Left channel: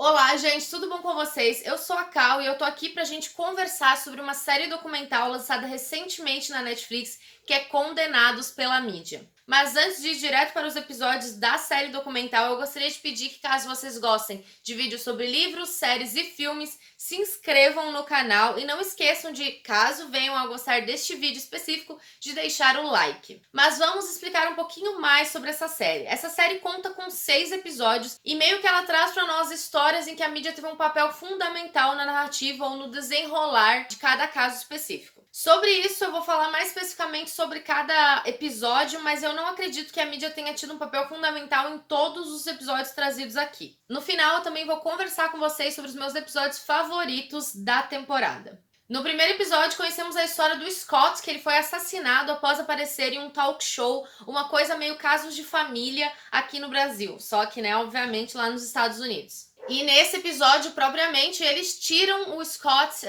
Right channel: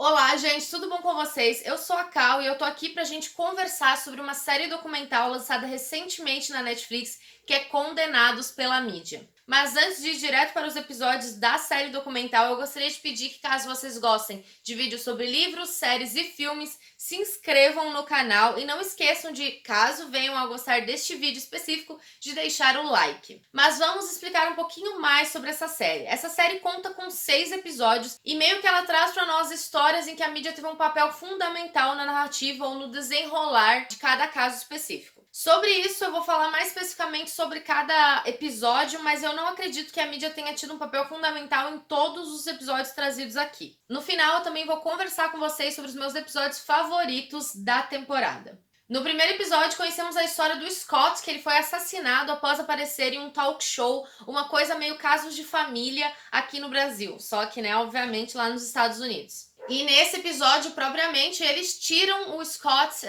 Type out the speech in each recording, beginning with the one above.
Olá, gente, tudo bom com vocês? Eu sou a Cal e eu tô aqui pra gente conversar sobre uma série documental lançada recentemente na Netflix, que é Condenados pela Mídia. Mas antes de ir direto para os episódios da série documental, eu gostaria de pedir que, caso vocês gostem de vídeos sobre livros, séries e filmes, se inscrevam no canal e não esqueçam de, caso venham a gostar deste vídeo específico, de deixar o like. Mas vamos explicar um pouquinho mais sobre essa série. Essa série conta com 6 episódios e meio que ela traz para nós histórias em que a mídia teve um papel fundamental na narrativa ou no desenrolar de cada caso específico. Sobre isso, eu vou falar mais especificamente sobre cada episódio, mas eu não acredito que a mídia tenha tido um papel fundamental em todos os episódios trazidos aqui. No final, eu também vou conversar com vocês sobre os meus episódios favoritos da temporada. No primeiro episódio, conhecemos a história do Scott, que ele foi assassinado após aparecer em um talk show, uma coisa meio casos de família aqui no Brasil, só que, né, obviamente, lá nos Estados Unidos. E nesse episódio, propriamente, eles tiram o Scott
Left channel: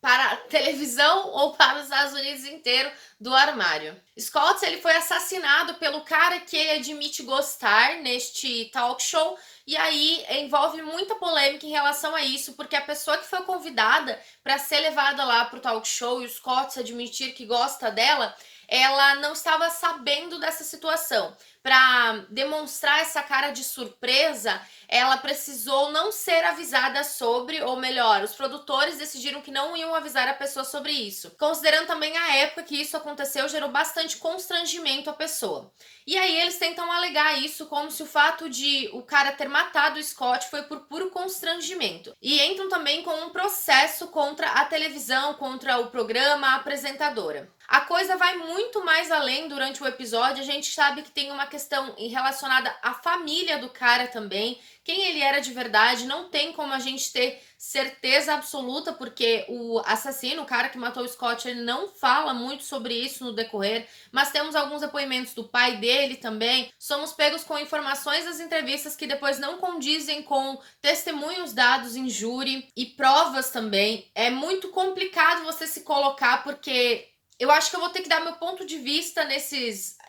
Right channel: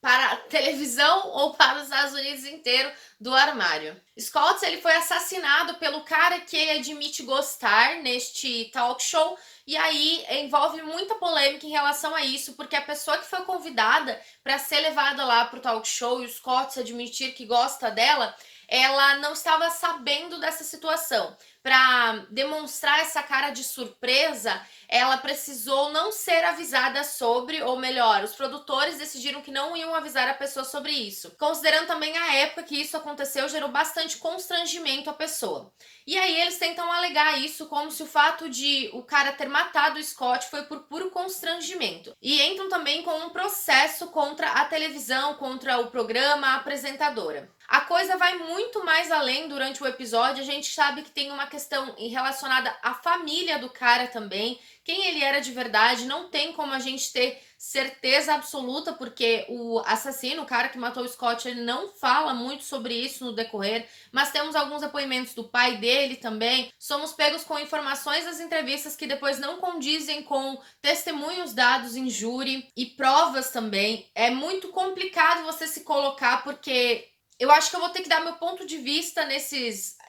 para a televisão ou para os Estados Unidos inteiro do armário. Scott, ele foi assassinado pelo cara que ele admite gostar neste talk show, e aí envolve muita polêmica em relação a isso, porque a pessoa que foi convidada para ser levada lá para o talk show e o Scott admitir que gosta dela, ela não estava sabendo dessa situação. Para demonstrar essa cara de surpresa, ela precisou não ser avisada sobre, ou melhor, os produtores decidiram que não iam avisar a pessoa sobre isso. Considerando também a época que isso aconteceu, gerou bastante constrangimento à pessoa. E aí eles tentam alegar isso como se o fato de o cara ter matado o Scott foi por puro constrangimento. E entram também com um processo contra a televisão, contra o programa, a apresentadora. A coisa vai muito mais além durante o episódio. A gente sabe que tem uma questão relacionada à família do cara também, quem ele era de verdade. Não tem como a gente ter certeza absoluta, porque o assassino, o cara que matou o Scott, ele não fala muito sobre isso no decorrer, mas temos alguns depoimentos do pai dele também. Somos pegos com informações das entrevistas que depois não condizem com testemunhos dados em júri e provas também. É muito complicado você se colocar, porque eu acho que eu vou ter que dar meu ponto de vista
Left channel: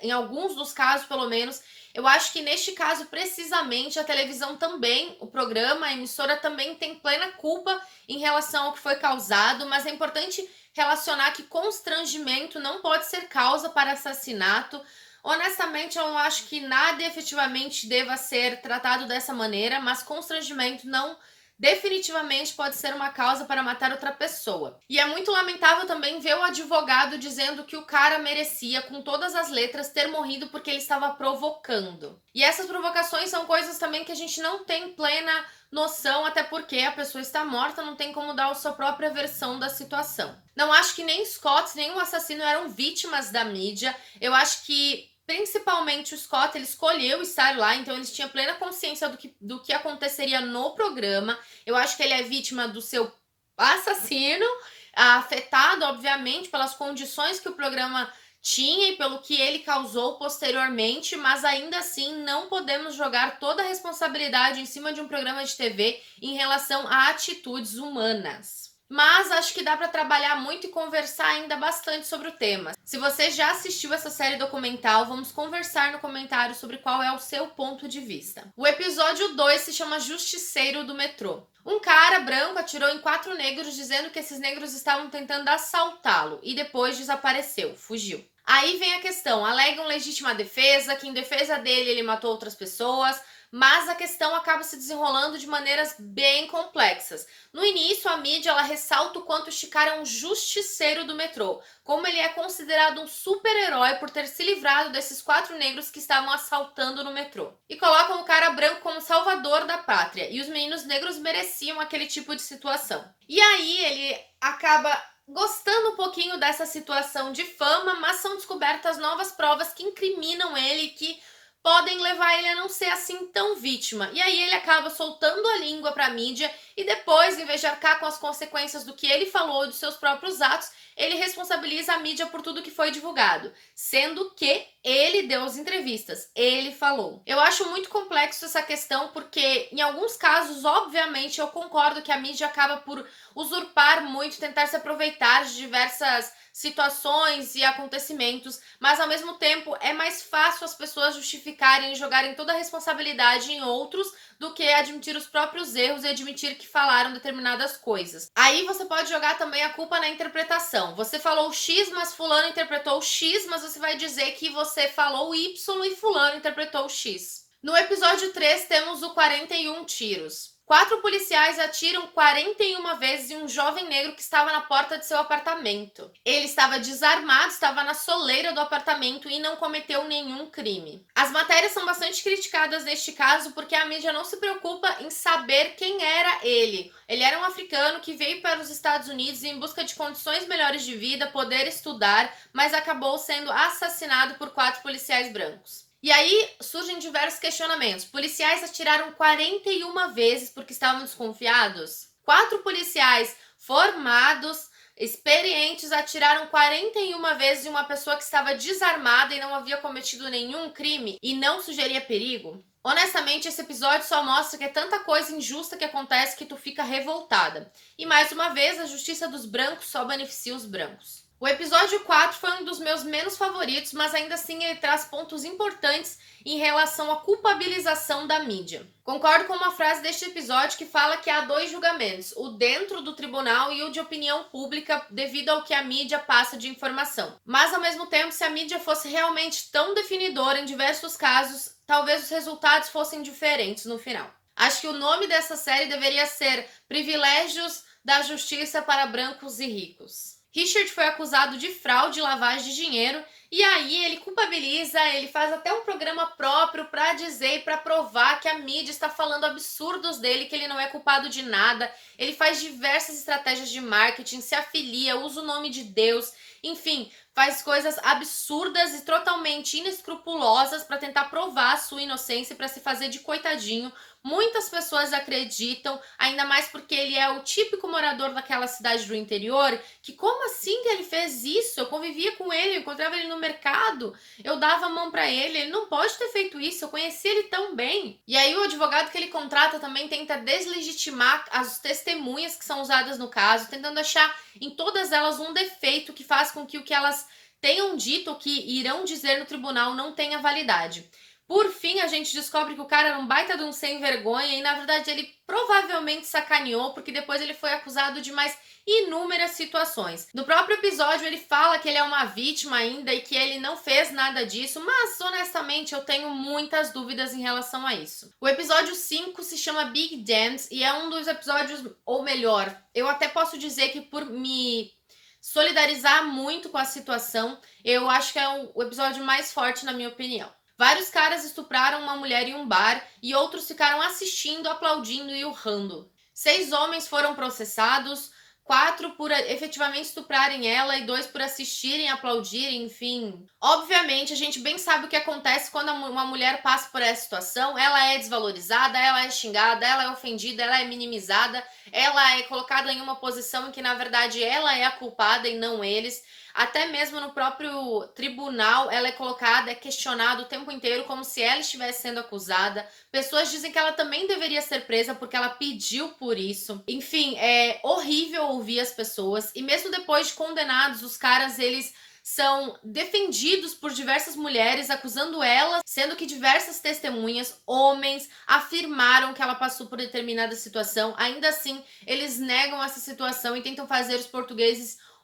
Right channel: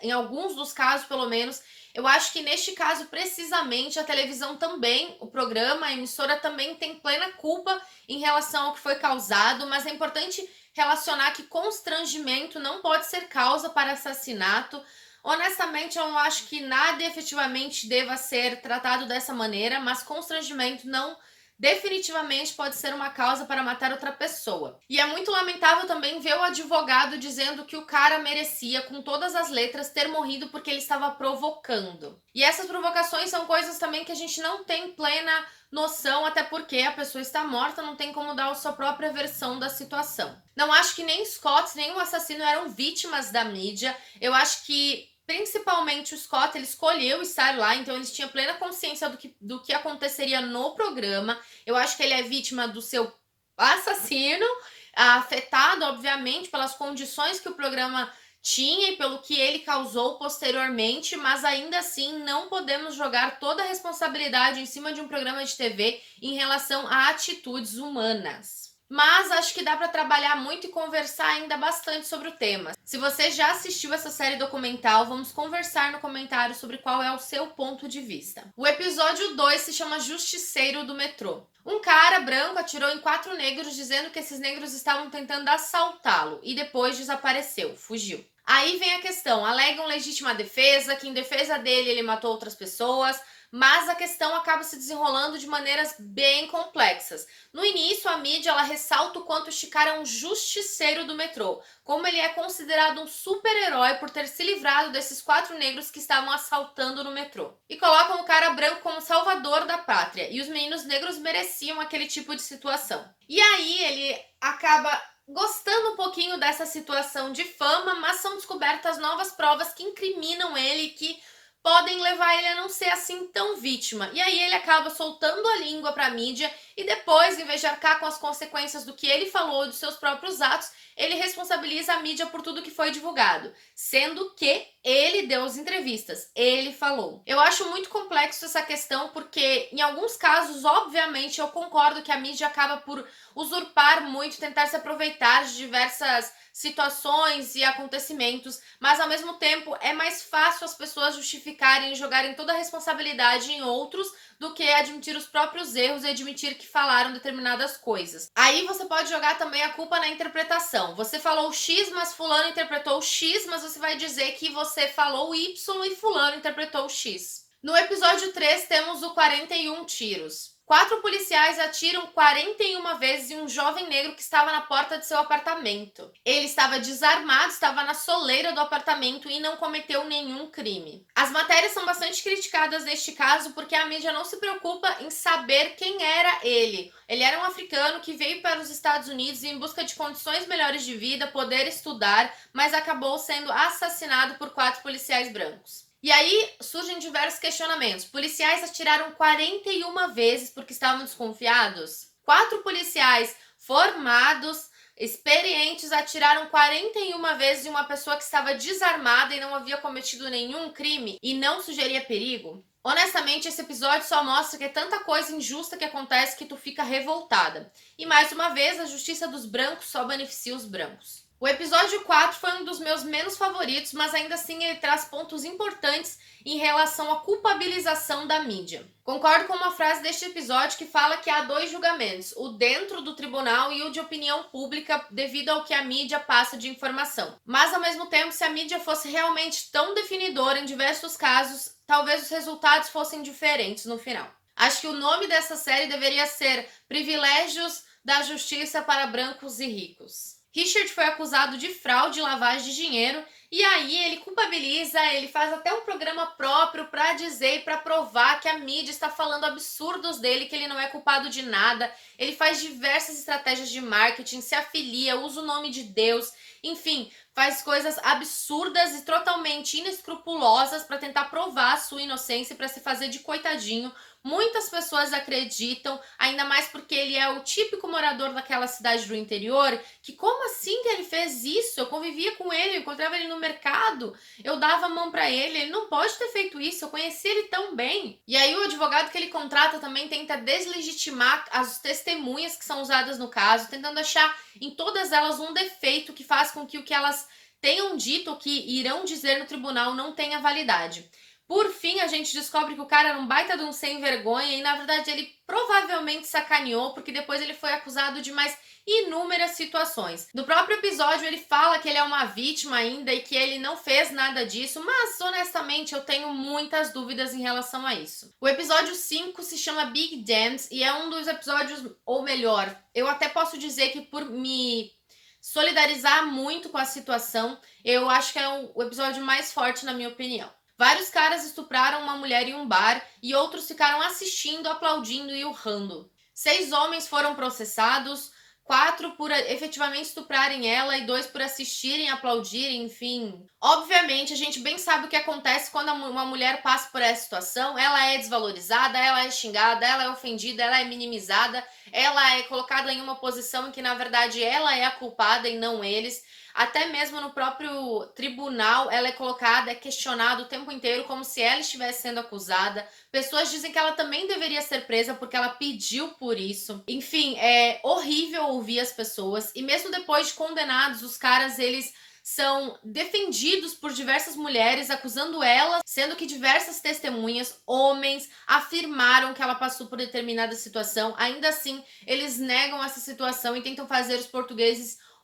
em alguns dos casos, pelo menos. Eu acho que neste caso, precisamente, a televisão também, o programa, a emissora também tem plena culpa em relação ao que foi causado, mas é importante relacionar que constrangimento não pode ser causa para assassinato. Honestamente, eu não acho que nada efetivamente deva ser tratado dessa maneira, mas constrangimento não definitivamente pode ser uma causa para matar outra pessoa. E é muito lamentável também ver o advogado dizendo que o cara merecia, com todas as letras, ter morrido porque ele estava provocando. E essas provocações são coisas também que a gente não tem plena noção, até porque a pessoa está morta, não tem como dar a sua própria versão da situação. Não acho que nem Scott, nem o assassino eram vítimas da mídia. Eu acho que principalmente o Scott, ele escolheu estar lá, então ele tinha plena consciência do que aconteceria no programa. Eu acho que ele é vítima do seu assassino, afetado, obviamente, pelas condições que o programa tinha e pelo que ele causou posteriormente, mas ainda assim não podemos jogar toda a responsabilidade em cima de um programa de TV em relação a atitudes humanas. Mas acho que dá para trabalhar muito e conversar ainda bastante sobre o tema. Se você já assistiu essa série documental, vamos conversar no comentário sobre qual é o seu ponto de vista. O episódio 2 se chama Justiceiro do Metrô. Um cara branco atirou em 4 negros dizendo que esses negros estavam tentando assaltá-lo e depois desapareceu, fugiu. Aí vem a questão, alegam legítima defesa, que em defesa dele ele matou outras pessoas, mas a questão acaba se desenrolando de maneiras bem complexas. No início, a mídia ela ressalta o quanto este cara é um justiceiro do metrô, como ele é considerado um super-herói por ter se livrado desses 4 negros que estavam assaltando no metrô. E colocam o cara branco como salvador da pátria, e os meninos negros mereciam aquele tipo de situação. E aí ele acaba gostando um pouquinho dessa situação de fama, mas são descobertas novas provas que incriminam ele, que podem levar ele a não ser assim tão vítima. E aí ele acaba soltando a língua para a mídia e depois, em vez de arcar com as consequências do que ele falou, dos seus próprios atos, ele responsabiliza a mídia por tudo que foi divulgado, sendo que ele deu as entrevistas, ele falou. Eu acho muito complexo essa questão porque, em alguns casos, obviamente, eu concordo que a mídia acaba por usurpar muito, tentar se aproveitar de diversas situações e acontecimentos, mas ao mesmo tempo é mais fácil as pessoas justificarem justificarem e jogarem toda a responsabilidade em outros do que admitir os próprios erros e admitir que falaram determinadas coisas. Aí você pode jogar também a culpa na interpretação. Você falou X, mas fulano interpretou X, mas você vai dizer que você falou Y e fulano interpretou X. No episódio 3 temos o 41 tiros. 4 policiais atiram 41 vezes em um jovem negro que estava na porta de seu apartamento. Ele estava desarmado, estava na soleira do apartamento e não cometeu nenhum crime. As matérias são bastante criticadas neste caso porque a mídia não se preocupa em saber quem era ele. Ele era um africano que veio para os Estados Unidos em busca de condições melhores de vida, poder estudar, mas acabou sendo assassinado por 4 policiais brancos. E aí surgem diversos questionamentos. Policiais atiraram 41 vezes porque estavam desconfiados? 4 policiais formados, experientes, atiraram 41 vezes em uma pessoa que estava desarmada e não havia cometido nenhum crime e não sugeria perigo? Honestamente, esse episódio só mostra que é tanta coisa injusta que acontece que tu fica revoltada. E mais uma vez, a justiça dos brancos só beneficia os brancos. O episódio 4 foi um dos meus menos favoritos, mas ainda assim ele traz pontos importantes em relação à culpabilização da mídia. Concordo com uma frase deste episódio que fala que há 2 julgamentos, o dentro do tribunal e o de opinião pública, devido ao que a mídia passa de informação. Mas, ao mesmo tempo, se a mídia fosse realmente tão definidora em diversos casos, talvez os resultados fossem diferentes no final. Acho que o nome dessa série deveria ser Privilégios da Justiça para Brancos e Ricos. Richard foi acusado de fraude e lavagem de dinheiro e aí ele culpabiliza, ele faz até um programa próprio para dizer e para provar que a mídia está falando absurdos dele, que ele não é culpado de nada. Ele faz diversas estratégias de marketing, se afilia, usa o nome de Deus, enfim, faz coisas absurdas e totalmente inescrupulosas para tentar provar a sua inocência e para se fazer de coitadinho. Muitas pessoas acreditam, ainda mais porque ele é o típico morador daquela cidade do interior, que como assim que ele fez isso? Eu convivia com ele, eu encontrava ele no mercado, eu dava a mão para ele não pode ter feito isso, eu conheci ele tão bem. E aí o advogado que ele contrata também tenta deslegitimar as testemunhas que são usadas no caso, tentando achar em todas elas um defeito que faz com que o que elas tenham dito ou que irão dizer no tribunal não tenha validade. Por fim, a gente descobre que o cara era um baita de um sem vergonha e, na verdade, ele provavelmente sacaneou, porque depois ele foi acusado de mais inúmeras situações. No próprio episódio, ele fala que ele é uma vítima ainda e que ele não fez nada disso, mas, honestamente, eu tenho muitas dúvidas em relação a isso. O episódio 5 se chama Big Dance e é um dos episódios, ou melhor, eu até posso dizer que por me solidarizar muito com a situação, eu acho que é o episódio mais forte, na minha opinião. Vários caras estupraram uma mulher em um bar e outros ficaram assistindo, aplaudindo e urrando. 6 homens foram processados, 4 por efetivamente estuprarem ela e 2 por assistirem, aplaudirem, enfim. Obviamente, a gente bem sabe o que acontece quando uma mulher passa por essa situação. Ela é desvalorizada, ela é xingada, ela é ofendida, ela é minimizada, ela é colocada em uma posição em que, na verdade, ela é a culpada e não eles. Até mesmo no próprio tribunal, ela é colocada, é questionada o tempo inteiro como se ela estivesse sendo acusada. Pessoas dizem que ela também deveria ser presa porque ela pediu por isso. Enfim, é horrível ouvir as pessoas. E mesmo depois de condenados, os caras, eles são defendidos por diversas mulheres, acusando elas, sendo que diversas testemunhas, homens, afirmaram que ela passou por determinada situação. Ainda assim, eles negam essa situação e tentam fazer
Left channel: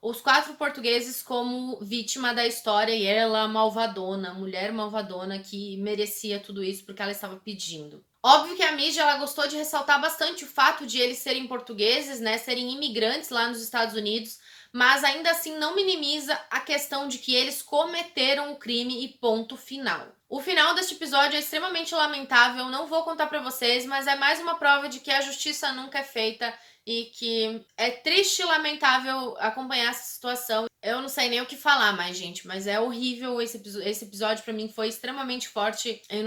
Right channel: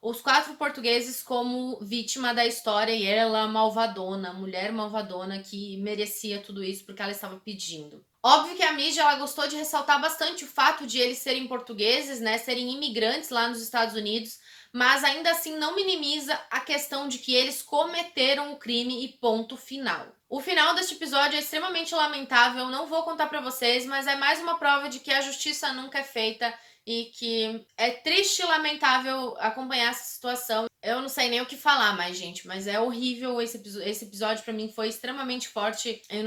os 4 portugueses como vítima da história e ela malvadona, mulher malvadona que merecia tudo isso porque ela estava pedindo. Óbvio que a mídia ela gostou de ressaltar bastante o fato de eles serem portugueses, né, serem imigrantes lá nos Estados Unidos, mas ainda assim não minimiza a questão de que eles cometeram o crime e ponto final. O final deste episódio é extremamente lamentável, não vou contar para vocês, mas é mais uma prova de que a justiça nunca é feita e que é triste e lamentável acompanhar essa situação. Eu não sei nem o que falar mais, gente, mas é horrível esse episódio para mim foi extremamente forte. Eu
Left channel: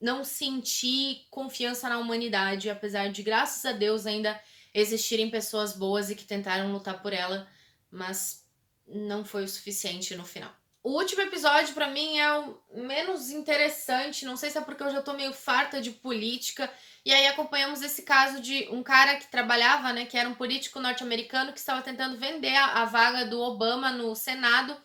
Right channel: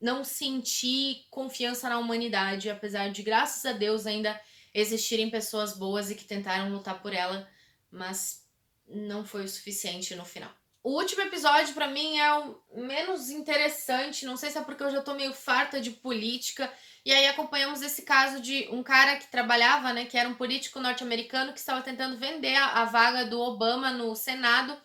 não senti confiança na humanidade, apesar de, graças a Deus, ainda existirem pessoas boas e que tentaram lutar por ela, mas não foi o suficiente no final. O último episódio, pra mim, é o menos interessante. Não sei se é porque eu já tô meio farta de política. E aí acompanhamos esse caso de um cara que trabalhava, né? Que era um político norte-americano que estava tentando vender a vaga do Obama no Senado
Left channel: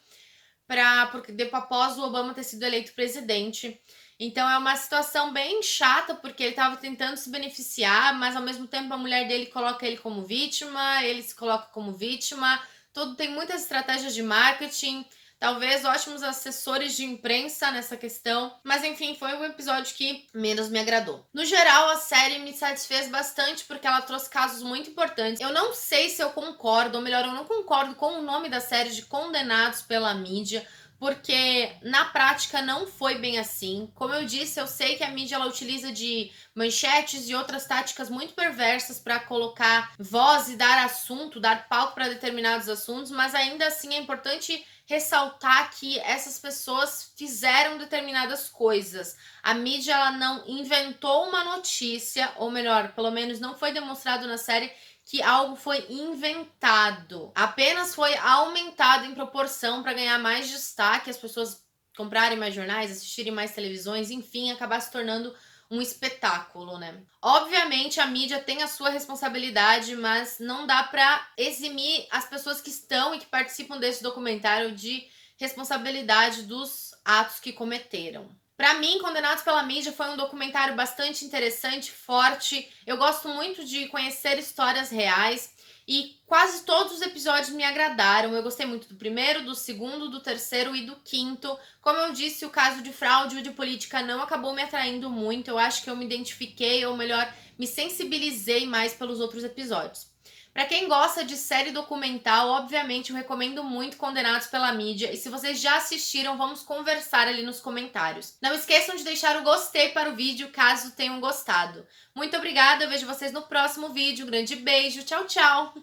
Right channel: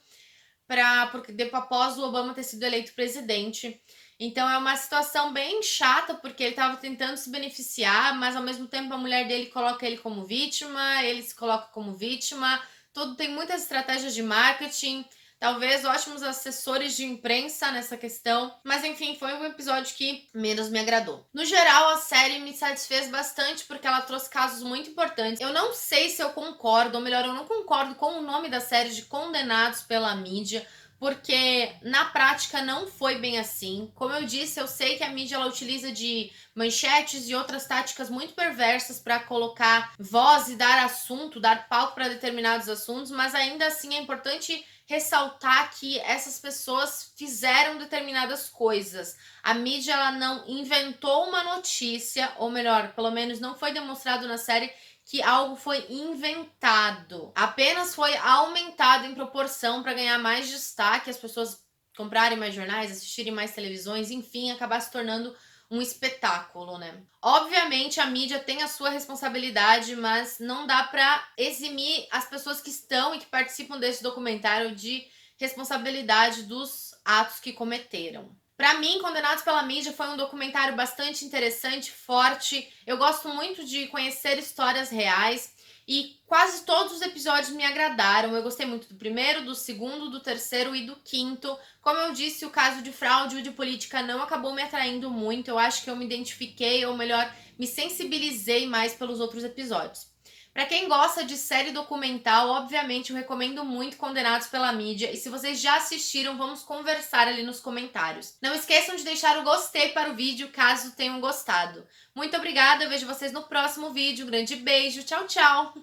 porque após o Obama ter sido eleito presidente. Então é uma situação bem chata, porque ele estava tentando se beneficiar, mas ao mesmo tempo a mulher dele coloca ele como vítima, ele se coloca como vítima. Tudo tem muitas estratégias de marketing, talvez ótimos assessores de imprensa nessa questão, mas enfim, foi um episódio que menos me agradou. No geral, a série me satisfez bastante porque ela trouxe casos muito importantes. Eu não sei se eu concordo, ou melhor, eu não concordo com o nome da série de Condenados pela Mídia, porque na prática não foi bem assim. Como eu disse, eu sei que a mídia ela utiliza de manchetes e outras táticas muito perversas para colocar voz e dar assunto, dar palco para determinados assuntos, mas ainda assim é importante ressaltar que essas pessoas fizeram determinadas coisas. A mídia ela não inventou uma notícia, ou melhor, pelo menos não foi demonstrado na série que algo foi inventado. Apenas foi aumentado em proporção para ganhar mais destaque, as pessoas comprarem mais jornais, assistirem mais televisões, enfim, acabar se tornando um espetáculo, né? Obviamente a mídia tem a sua responsabilidade, mas não dá para eximir as pessoas que estão e que participam desse documentário de responsabilidade dos atos que cometeram. Para mim, Condenados pela Mídia foi um documentário bastante interessante, forte. Eu gosto muito de conhecer histórias reais e quase todos os episódios me agradaram. Eu gostei muito do primeiro, do segundo, do terceiro e do quinto. Como eu disse, o caso de fraude e de política não acabou me atraindo muito. Eu acho que eu me identifiquei, ou melhor, me sensibilizei mais pelos outros episódios. Para quem gosta de série documental, obviamente eu recomendo muito Condenados pela Mídia. E se vocês já assistiram, vamos conversar ali nos comentários. Não esqueçam de deixar o gostei para o vídeo, caso tenham gostado. Muito obrigada, eu vejo vocês no próximo vídeo. Um grande beijo, tchau, tchau!